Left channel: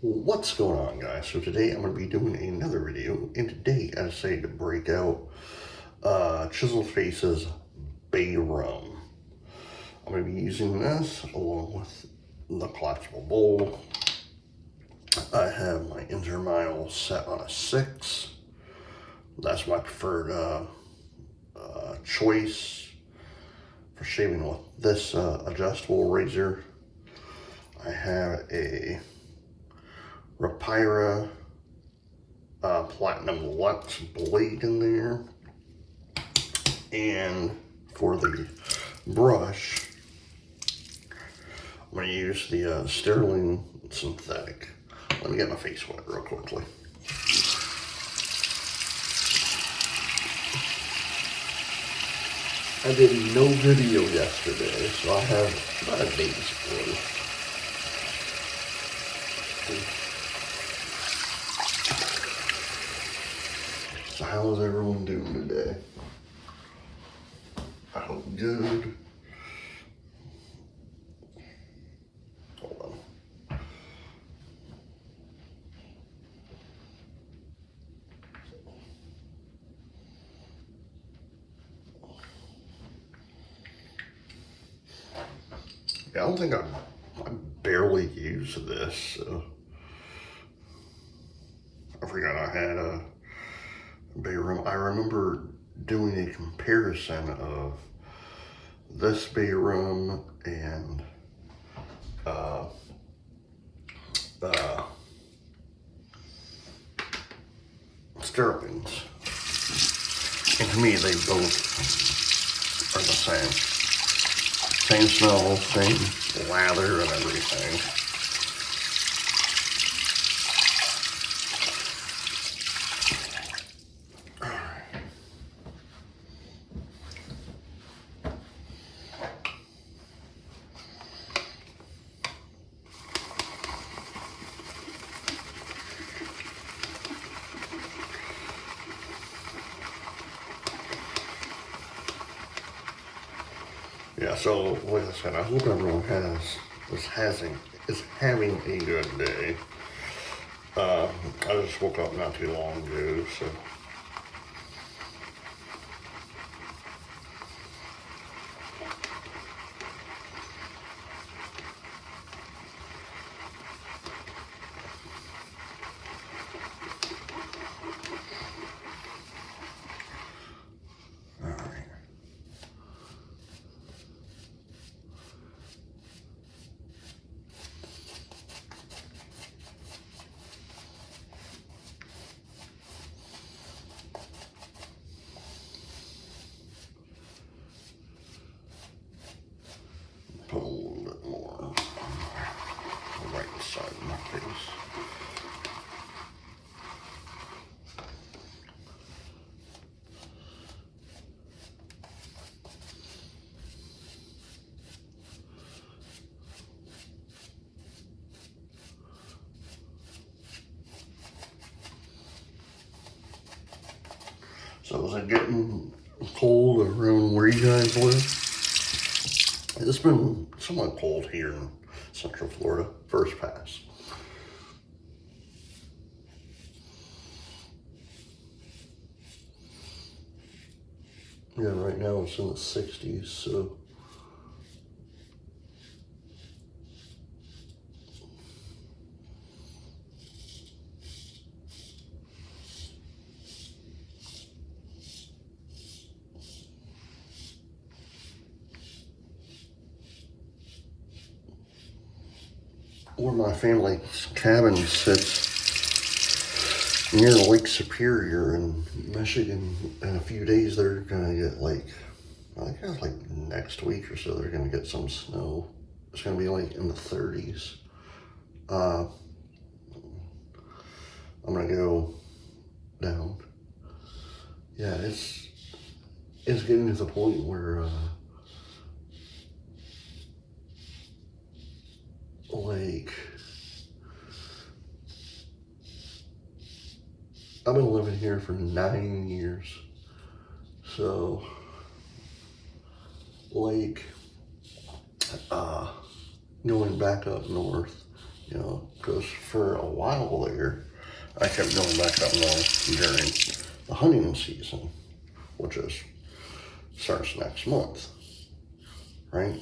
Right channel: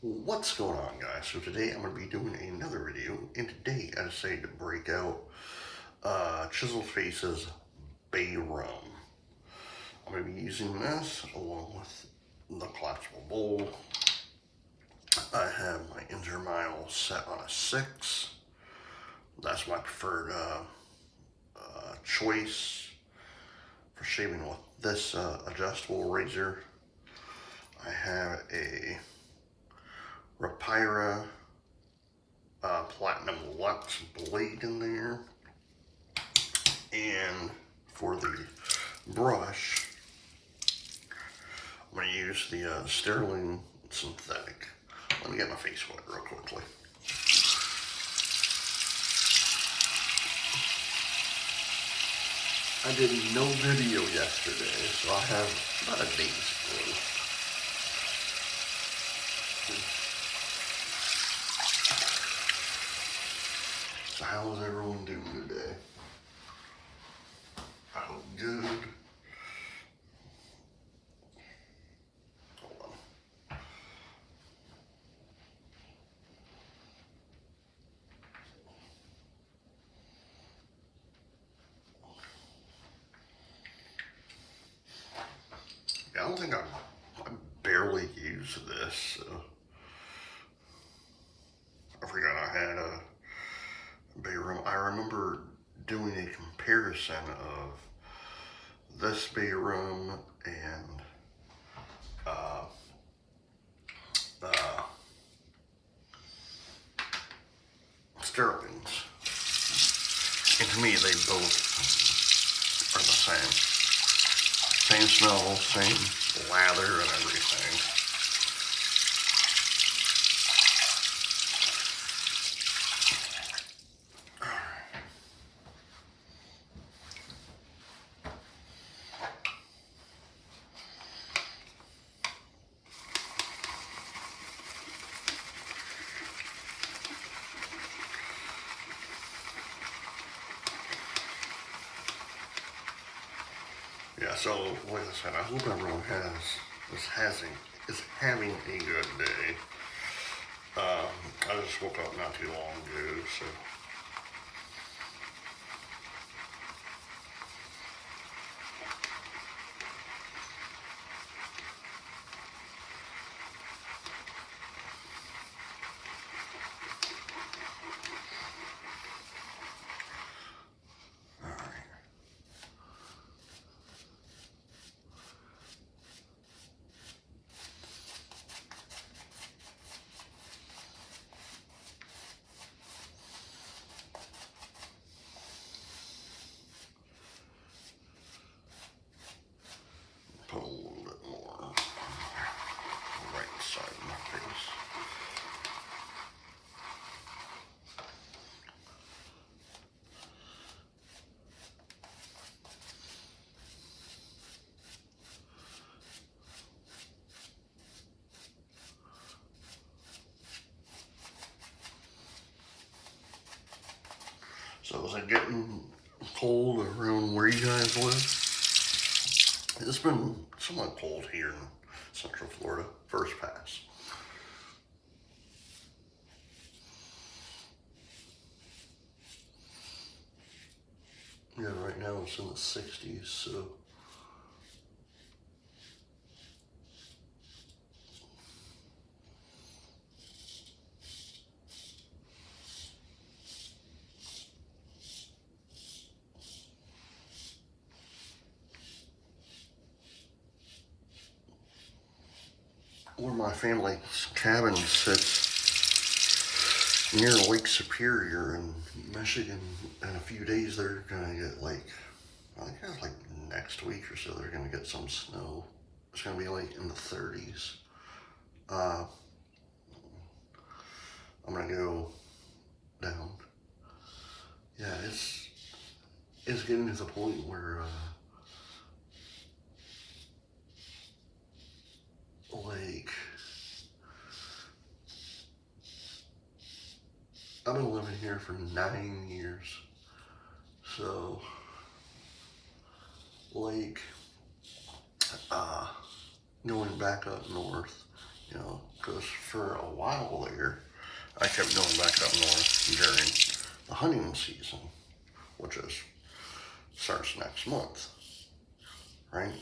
What's going on, guys? So today I'm going to be doing another video, and today I decided to break out Chiseled Face's Bay Rum. I'm going to be using this along with the collapsible bowl. I have my intermile set on a 6. That's my preferred choice for shaving with this adjustable razor. I have a Rapira Platinum Lux blade in there, and for the brush I'm going to use the Sterling synthetic. Let me get my face wet real quickly. I did no video yesterday, so I have about a day's worth. So how is everyone doing today? I hope good. Hold on. Yeah, I don't think I barely use this. So I forgot I had a Bay Rum. I remember doing a comparison of this Bay Rum and Sterling's, and to me they both are the same smell, same lather and everything. Yeah, so like I said, I hope everyone is having a good day. I just woke up not too long ago, so all right. Put a little bit more on the right side of my face. So is it getting cold around where you guys live? It's been somewhat cold here in Central Florida, first pass. Yeah, right now it's in the 60s, so. Where my family's cabin sits near Lake Superior in Michigan. In a few days, they're gonna get I think it's like next week or so, they're gonna get some snow. It's gonna be like in the 30s. I'm gonna go down. Yeah, it's getting to the point where I've been living here for 9 years, so going back up north you know, because for a while there, I kept going back up north during the hunting season, which starts next month, right?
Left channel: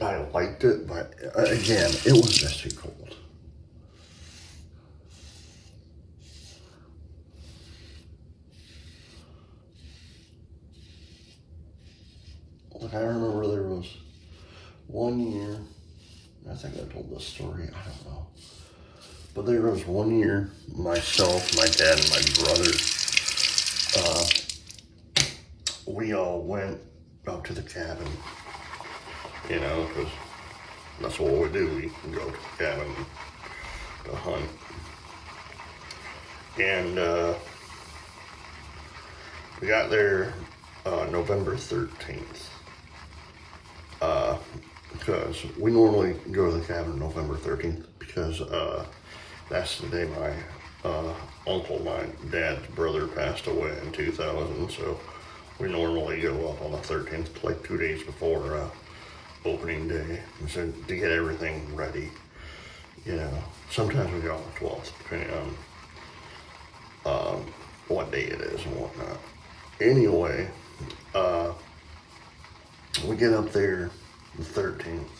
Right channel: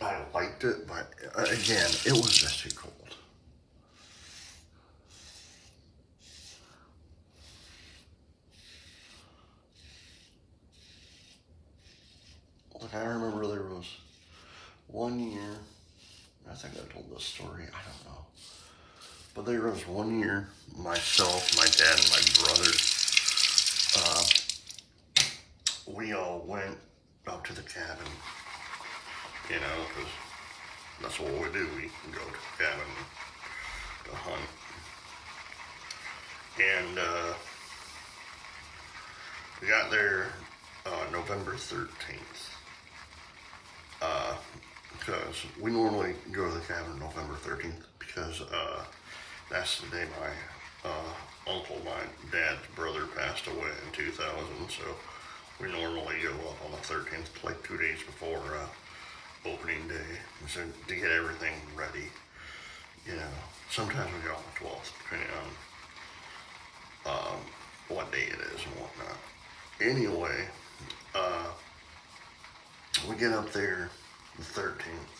I liked it, but again, it was just too cold. Like, I remember there was one year, I think I told this story, I don't know. But there was one year, myself, my dad, and my brother, we all went up to the cabin, you know, because that's what we do. We go to the cabin to hunt. And we got there November 13th. Because we normally go to the cabin November 13th because that's the day my uncle, my dad's brother, passed away in 2000. So we normally go up on the 13th, like 2 days before opening day, so to get everything ready. You know, sometimes we go on the 12th, depending on what day it is and whatnot. Anyway, we get up there the 13th.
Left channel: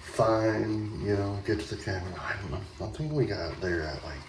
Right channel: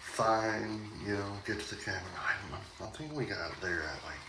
Fine, you know, get to the cabin. I don't know. I think we got there at like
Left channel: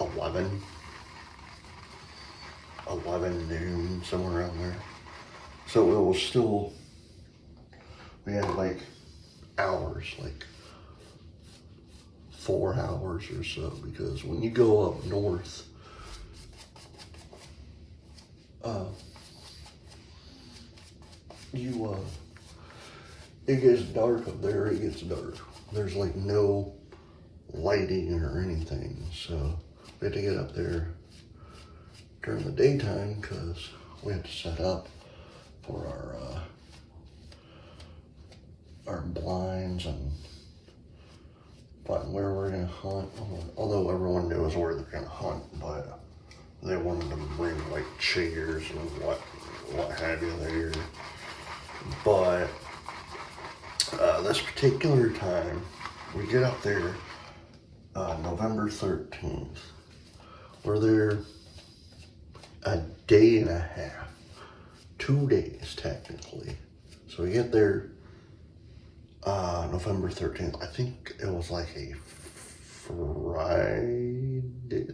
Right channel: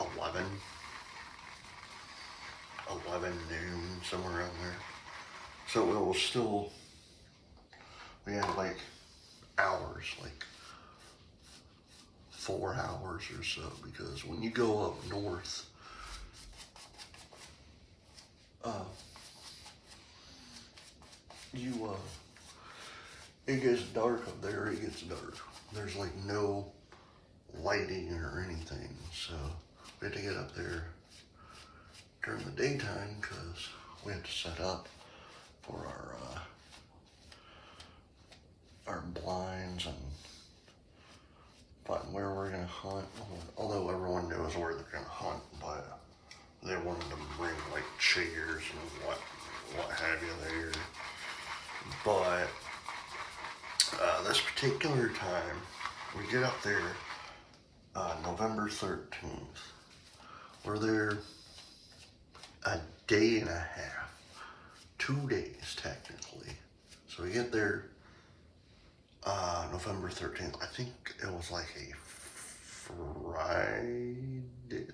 11 noon, somewhere around there. So it was still, we had like hours, like 4 hours or so, because when you go up north, it gets dark up there, it gets dark. There's like no lighting or anything, so we had to get up there during the daytime because we had to set up for our blinds and find where we're gonna hunt. Although everyone knows where they're gonna hunt, but they wanted to bring like chairs and what have you there. But this particular time, we get up there November 13th. We're there a day and a half, 2 days technically. So we get there November 13th. I think it was like a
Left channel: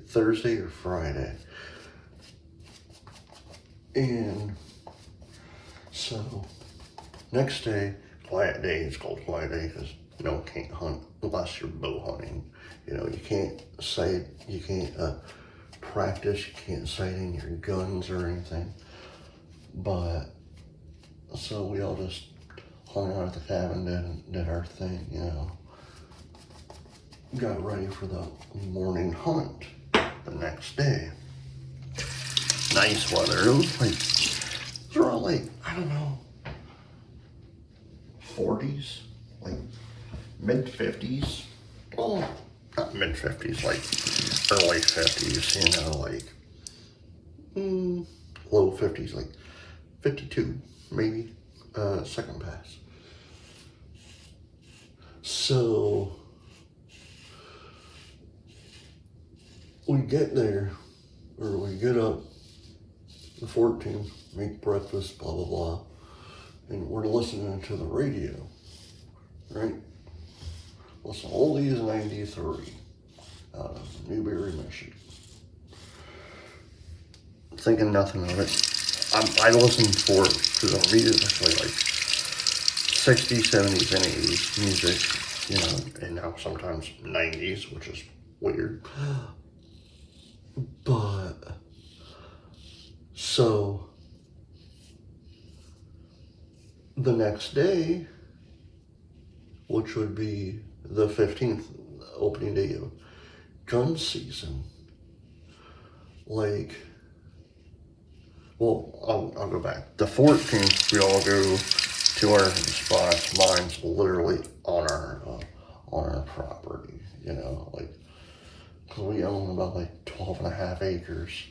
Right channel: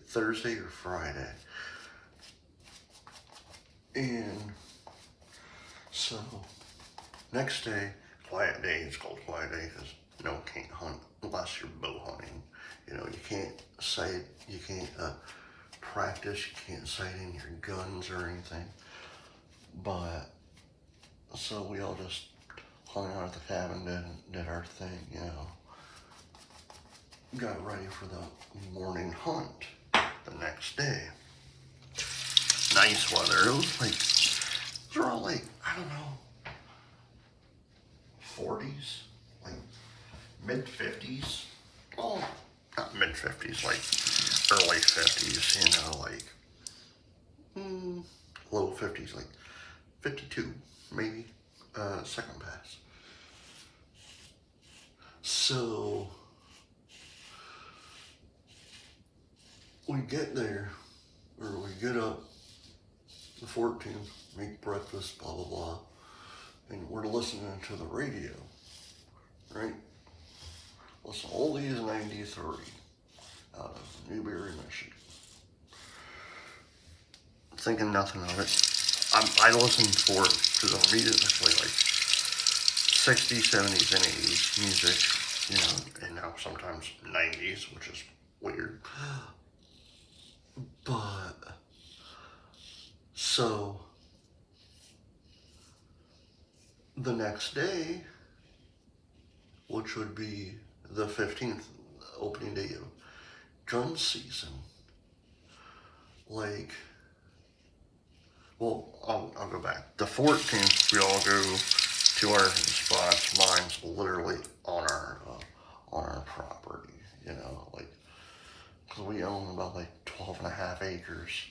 Thursday or Friday. And so next day, quiet day. It's called quiet day because no one can't hunt unless you're bow hunting. You know, you can't sight, you can't practice, you can't sight in your guns or anything. But so we all just hung out at the cabin and did our thing, you know. Got ready for the morning hunt the next day. Nice weather. It was around like, I don't know, 40s, like mid-50s. Well, not mid-50s, like early 50s, you know, like low 50s, like 52, maybe, second pass. So we get there, or we get up the 14th, make breakfast, blah, blah, blah. And we're listening to the radio, right? Listen, Oldies 93 out of Newberry, Michigan. Thinking nothing of it. I listened for it because on radio it's actually like 60s, 70s, and 80s music, you know, and now sometimes 90s, which is weird. But, so, the next day, which would be the 15th, opening day of gun season, like, well, I'll go back. The 14th, we all go to our spots. Mine's literally on our property, you know, like, because we own about like 12 and a half acres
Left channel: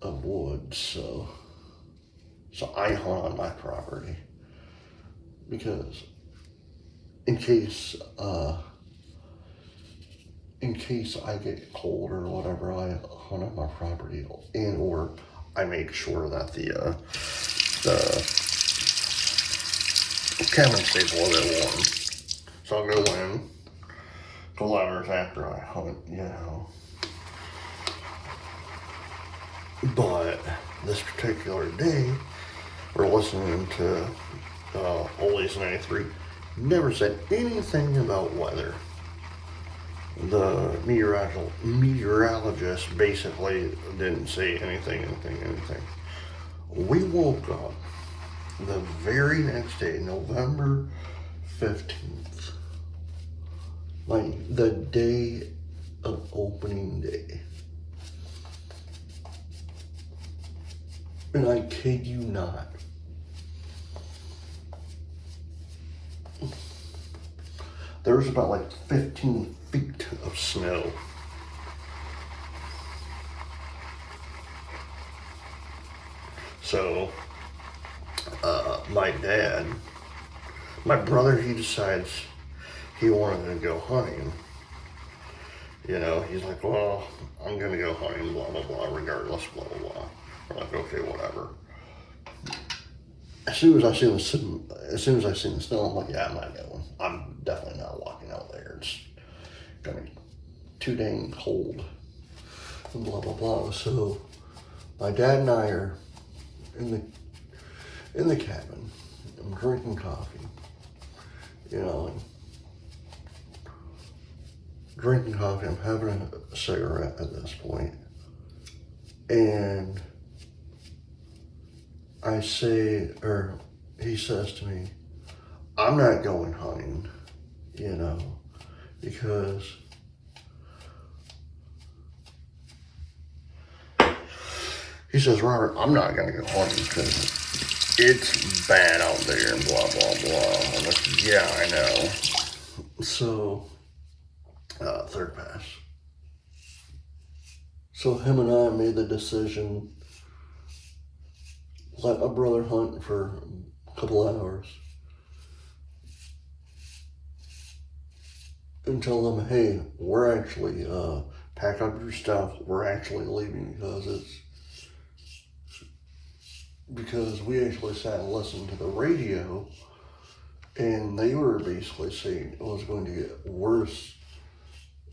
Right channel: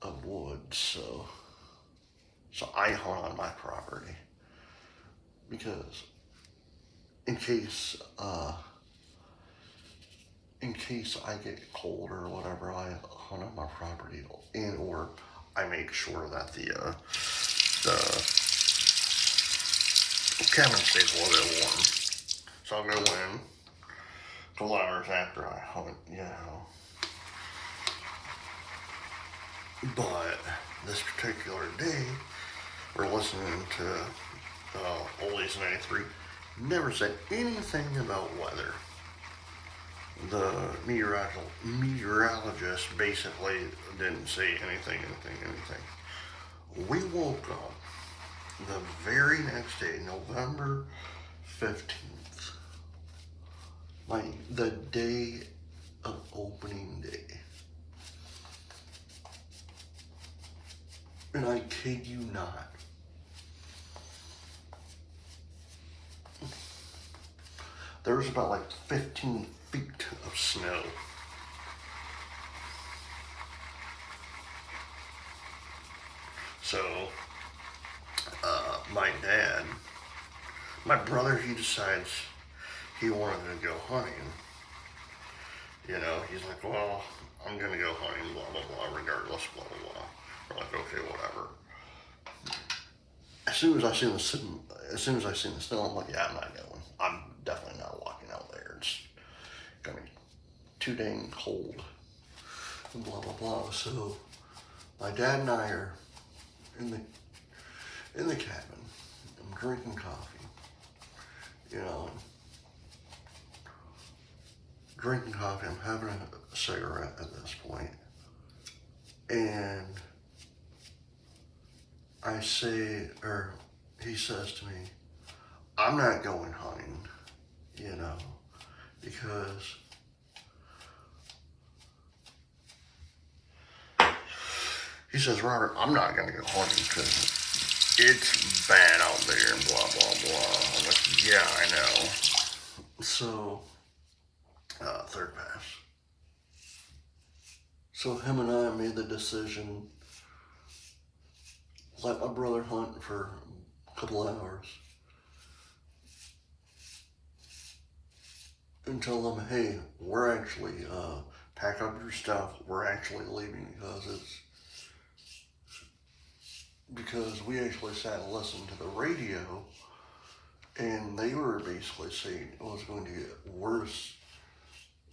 of woods, so So I hunt on my property because in case I get cold or whatever, I hunt on my property, and or I make sure that the cabin stays a little bit warm. So I'll go in a couple hours after I hunt, you know. But this particular day, we're listening to Oldies 93. Never said anything about weather. The meteorologist basically didn't say anything. We woke up the very next day, November 15th, like the day of opening day. And I kid you not, there's about like 15 feet of snow. So, my brother, he decides he wanted to go hunting. You know, he's like, well, I'm gonna go hunting, blah, blah, blah, regardless, blah, blah, blah. We're like, okay, whatever. As soon as I seen the snow, I'm like, yeah, I'm not going. I'm definitely not walking out there. It's gonna be too dang cold. And blah blah blah. So my dad and I are in the cabin. I'm drinking coffee. You know, drinking coffee. I'm having a cigarette at this point, and I say, or he says to me, I'm not going hunting, you know, because he says, Robert, I'm not going to go hunting because it's bad out there and blah, blah, blah. I'm like, yeah, I know. So, third pass. So him and I made the decision, let my brother hunt for a couple hours and tell them, hey, we're actually, pack up your stuff, we're actually leaving because we actually sat and listened to the radio, and they were basically saying it was going to get worse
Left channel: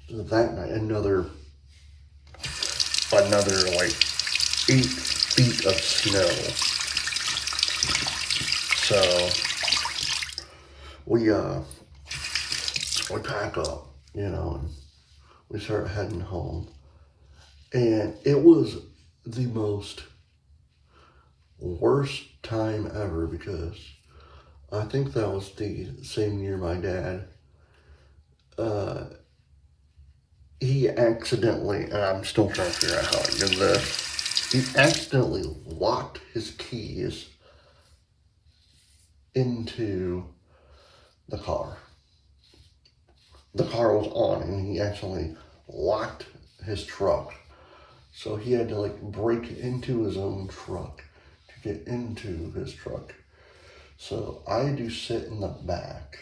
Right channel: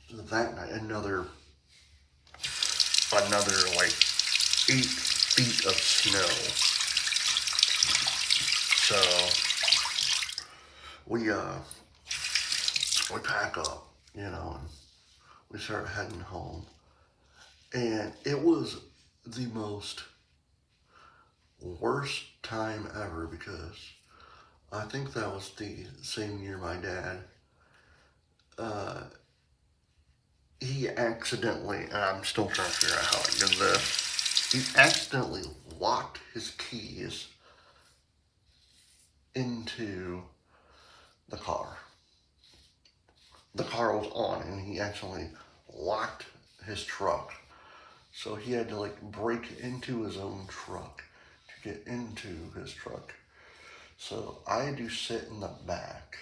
that night. Another like 8 feet of snow. So we pack up, you know, and we start heading home. And it was the worst time ever, because I think that was the same year my dad, he accidentally, and I'm still trying to figure out how I did this, he accidentally locked his keys into the car. The car was on, and he actually locked his truck. So he had to like break into his own truck to get into his truck. So I do sit in the back.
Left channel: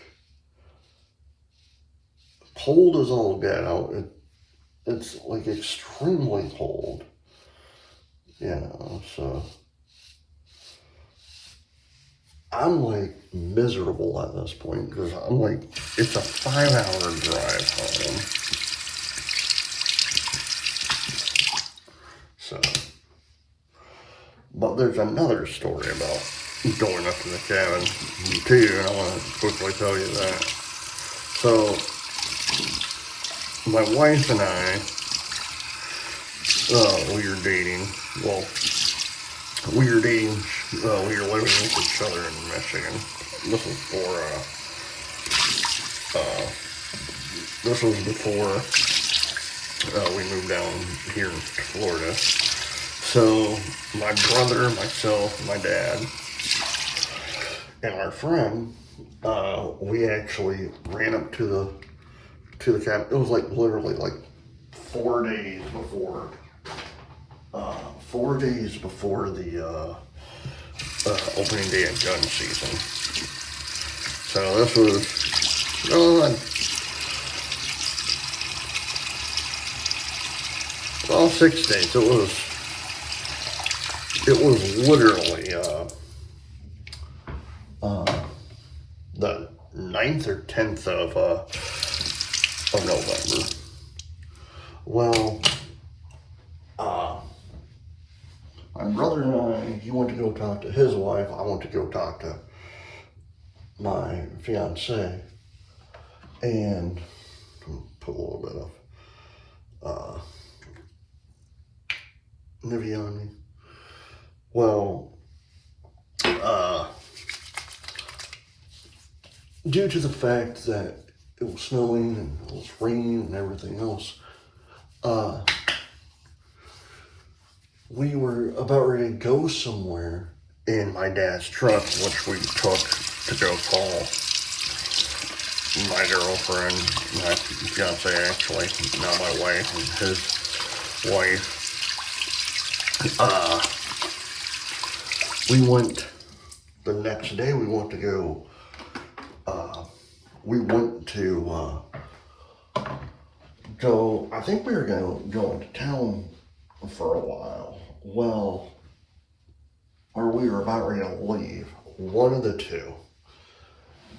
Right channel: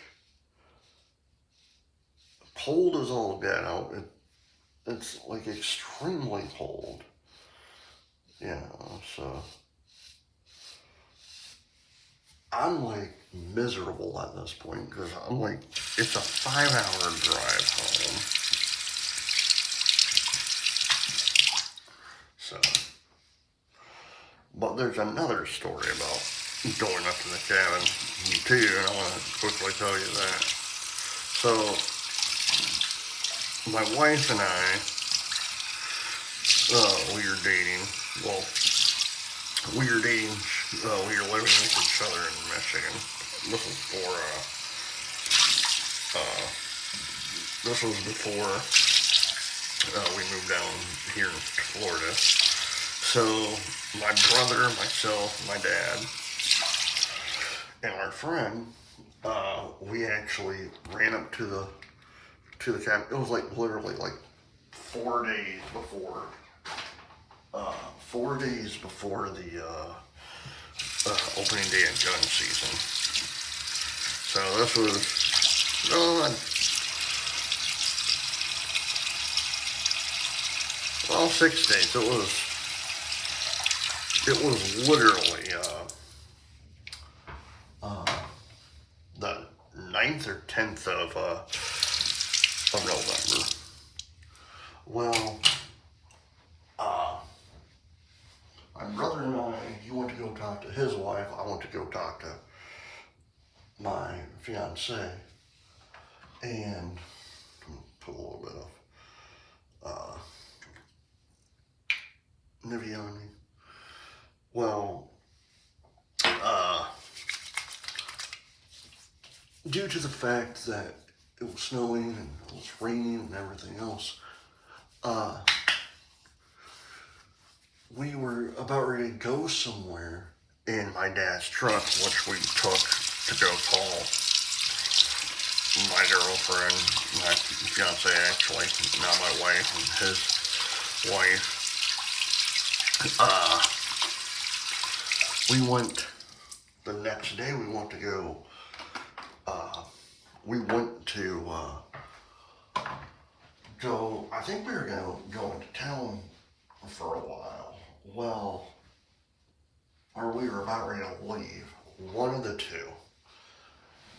Cold as all get out. It's like extremely cold. You know, so I'm like miserable at this point, because I'm like, it's a 5-hour drive home. So, but there's another story about going up to the cabin too, and I want to quickly tell you that. So, my wife and I, we were dating. Well, we were dating. We were living with each other in Michigan. This was before we moved down here in Florida. So my brother, myself, my dad, and our friend, we actually ran up to the cabin. It was like literally like 4 days before. 4 days before opening day of gun season. So this was, well, 6 days. It was literally the 9th or 10th of November. Well, my brother and I, he went to go talk to his wife. I went to go talk to my fiance, and put a little bit of Nivea on me. Well, due to the fact that it was snowing and it was raining and everything else, we were about ready to go somewhere in my dad's truck, which we took to go call my girlfriend, my fiance actually, not my wife, and his wife. We went, the next day we went to go, I think we were going to town for a while. Well, or we were about ready to leave, one of the two.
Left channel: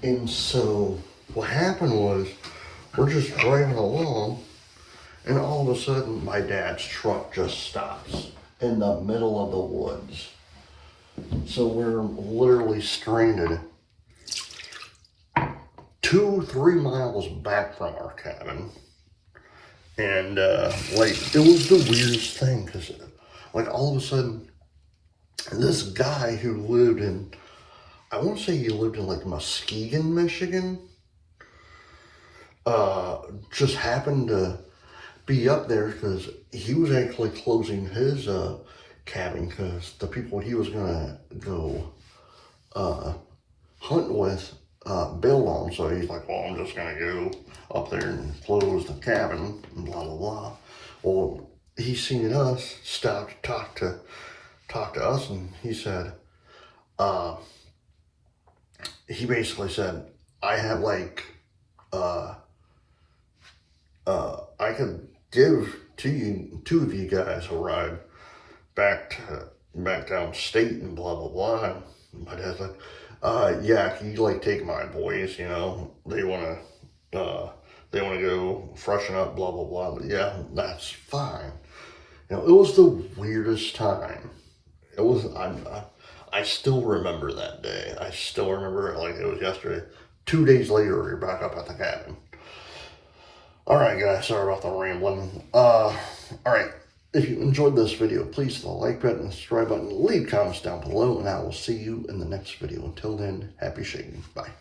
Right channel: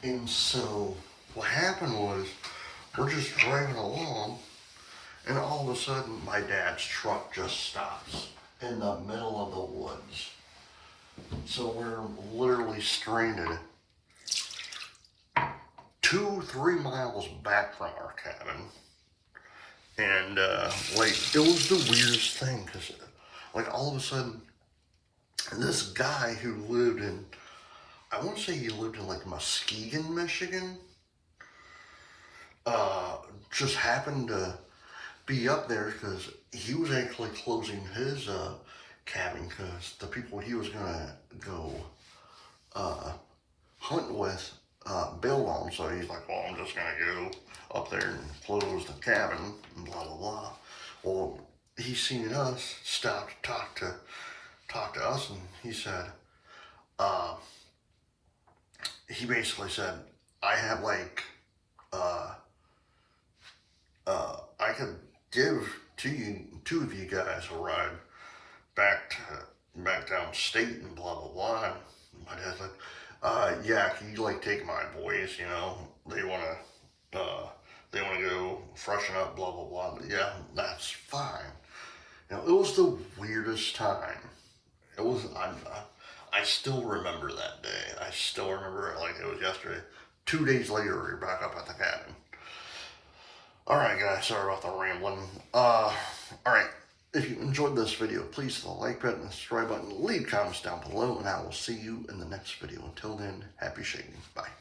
And so what happened was, we're just driving along, and all of a sudden my dad's truck just stops in the middle of the woods. So we're literally stranded 2-3 miles back from our cabin. And like, it was the weirdest thing, because like all of a sudden this guy who lived in, I want to say he lived in like Muskegon, Michigan, just happened to be up there because he was actually closing his cabin because the people he was gonna go hunt with bailed on. So he's like, well, I'm just gonna go up there and close the cabin and blah blah blah. Well, he seen us, stopped to talk to us, and he said, he basically said, I have like I could give two of you guys a ride back downstate and blah blah blah. And my dad's like, yeah, can you like take my boys, you know, they wanna go freshen up, blah blah blah. But yeah, that's fine. You know, it was the weirdest time. It was, I still remember that day. I still remember it like it was yesterday. 2 days later, we were back up at the cabin. All right, guys, sorry about the rambling. All right, if you enjoyed this video, please hit the like button and subscribe button. Leave comments down below, and I will see you in the next video. Until then, happy shading. Bye.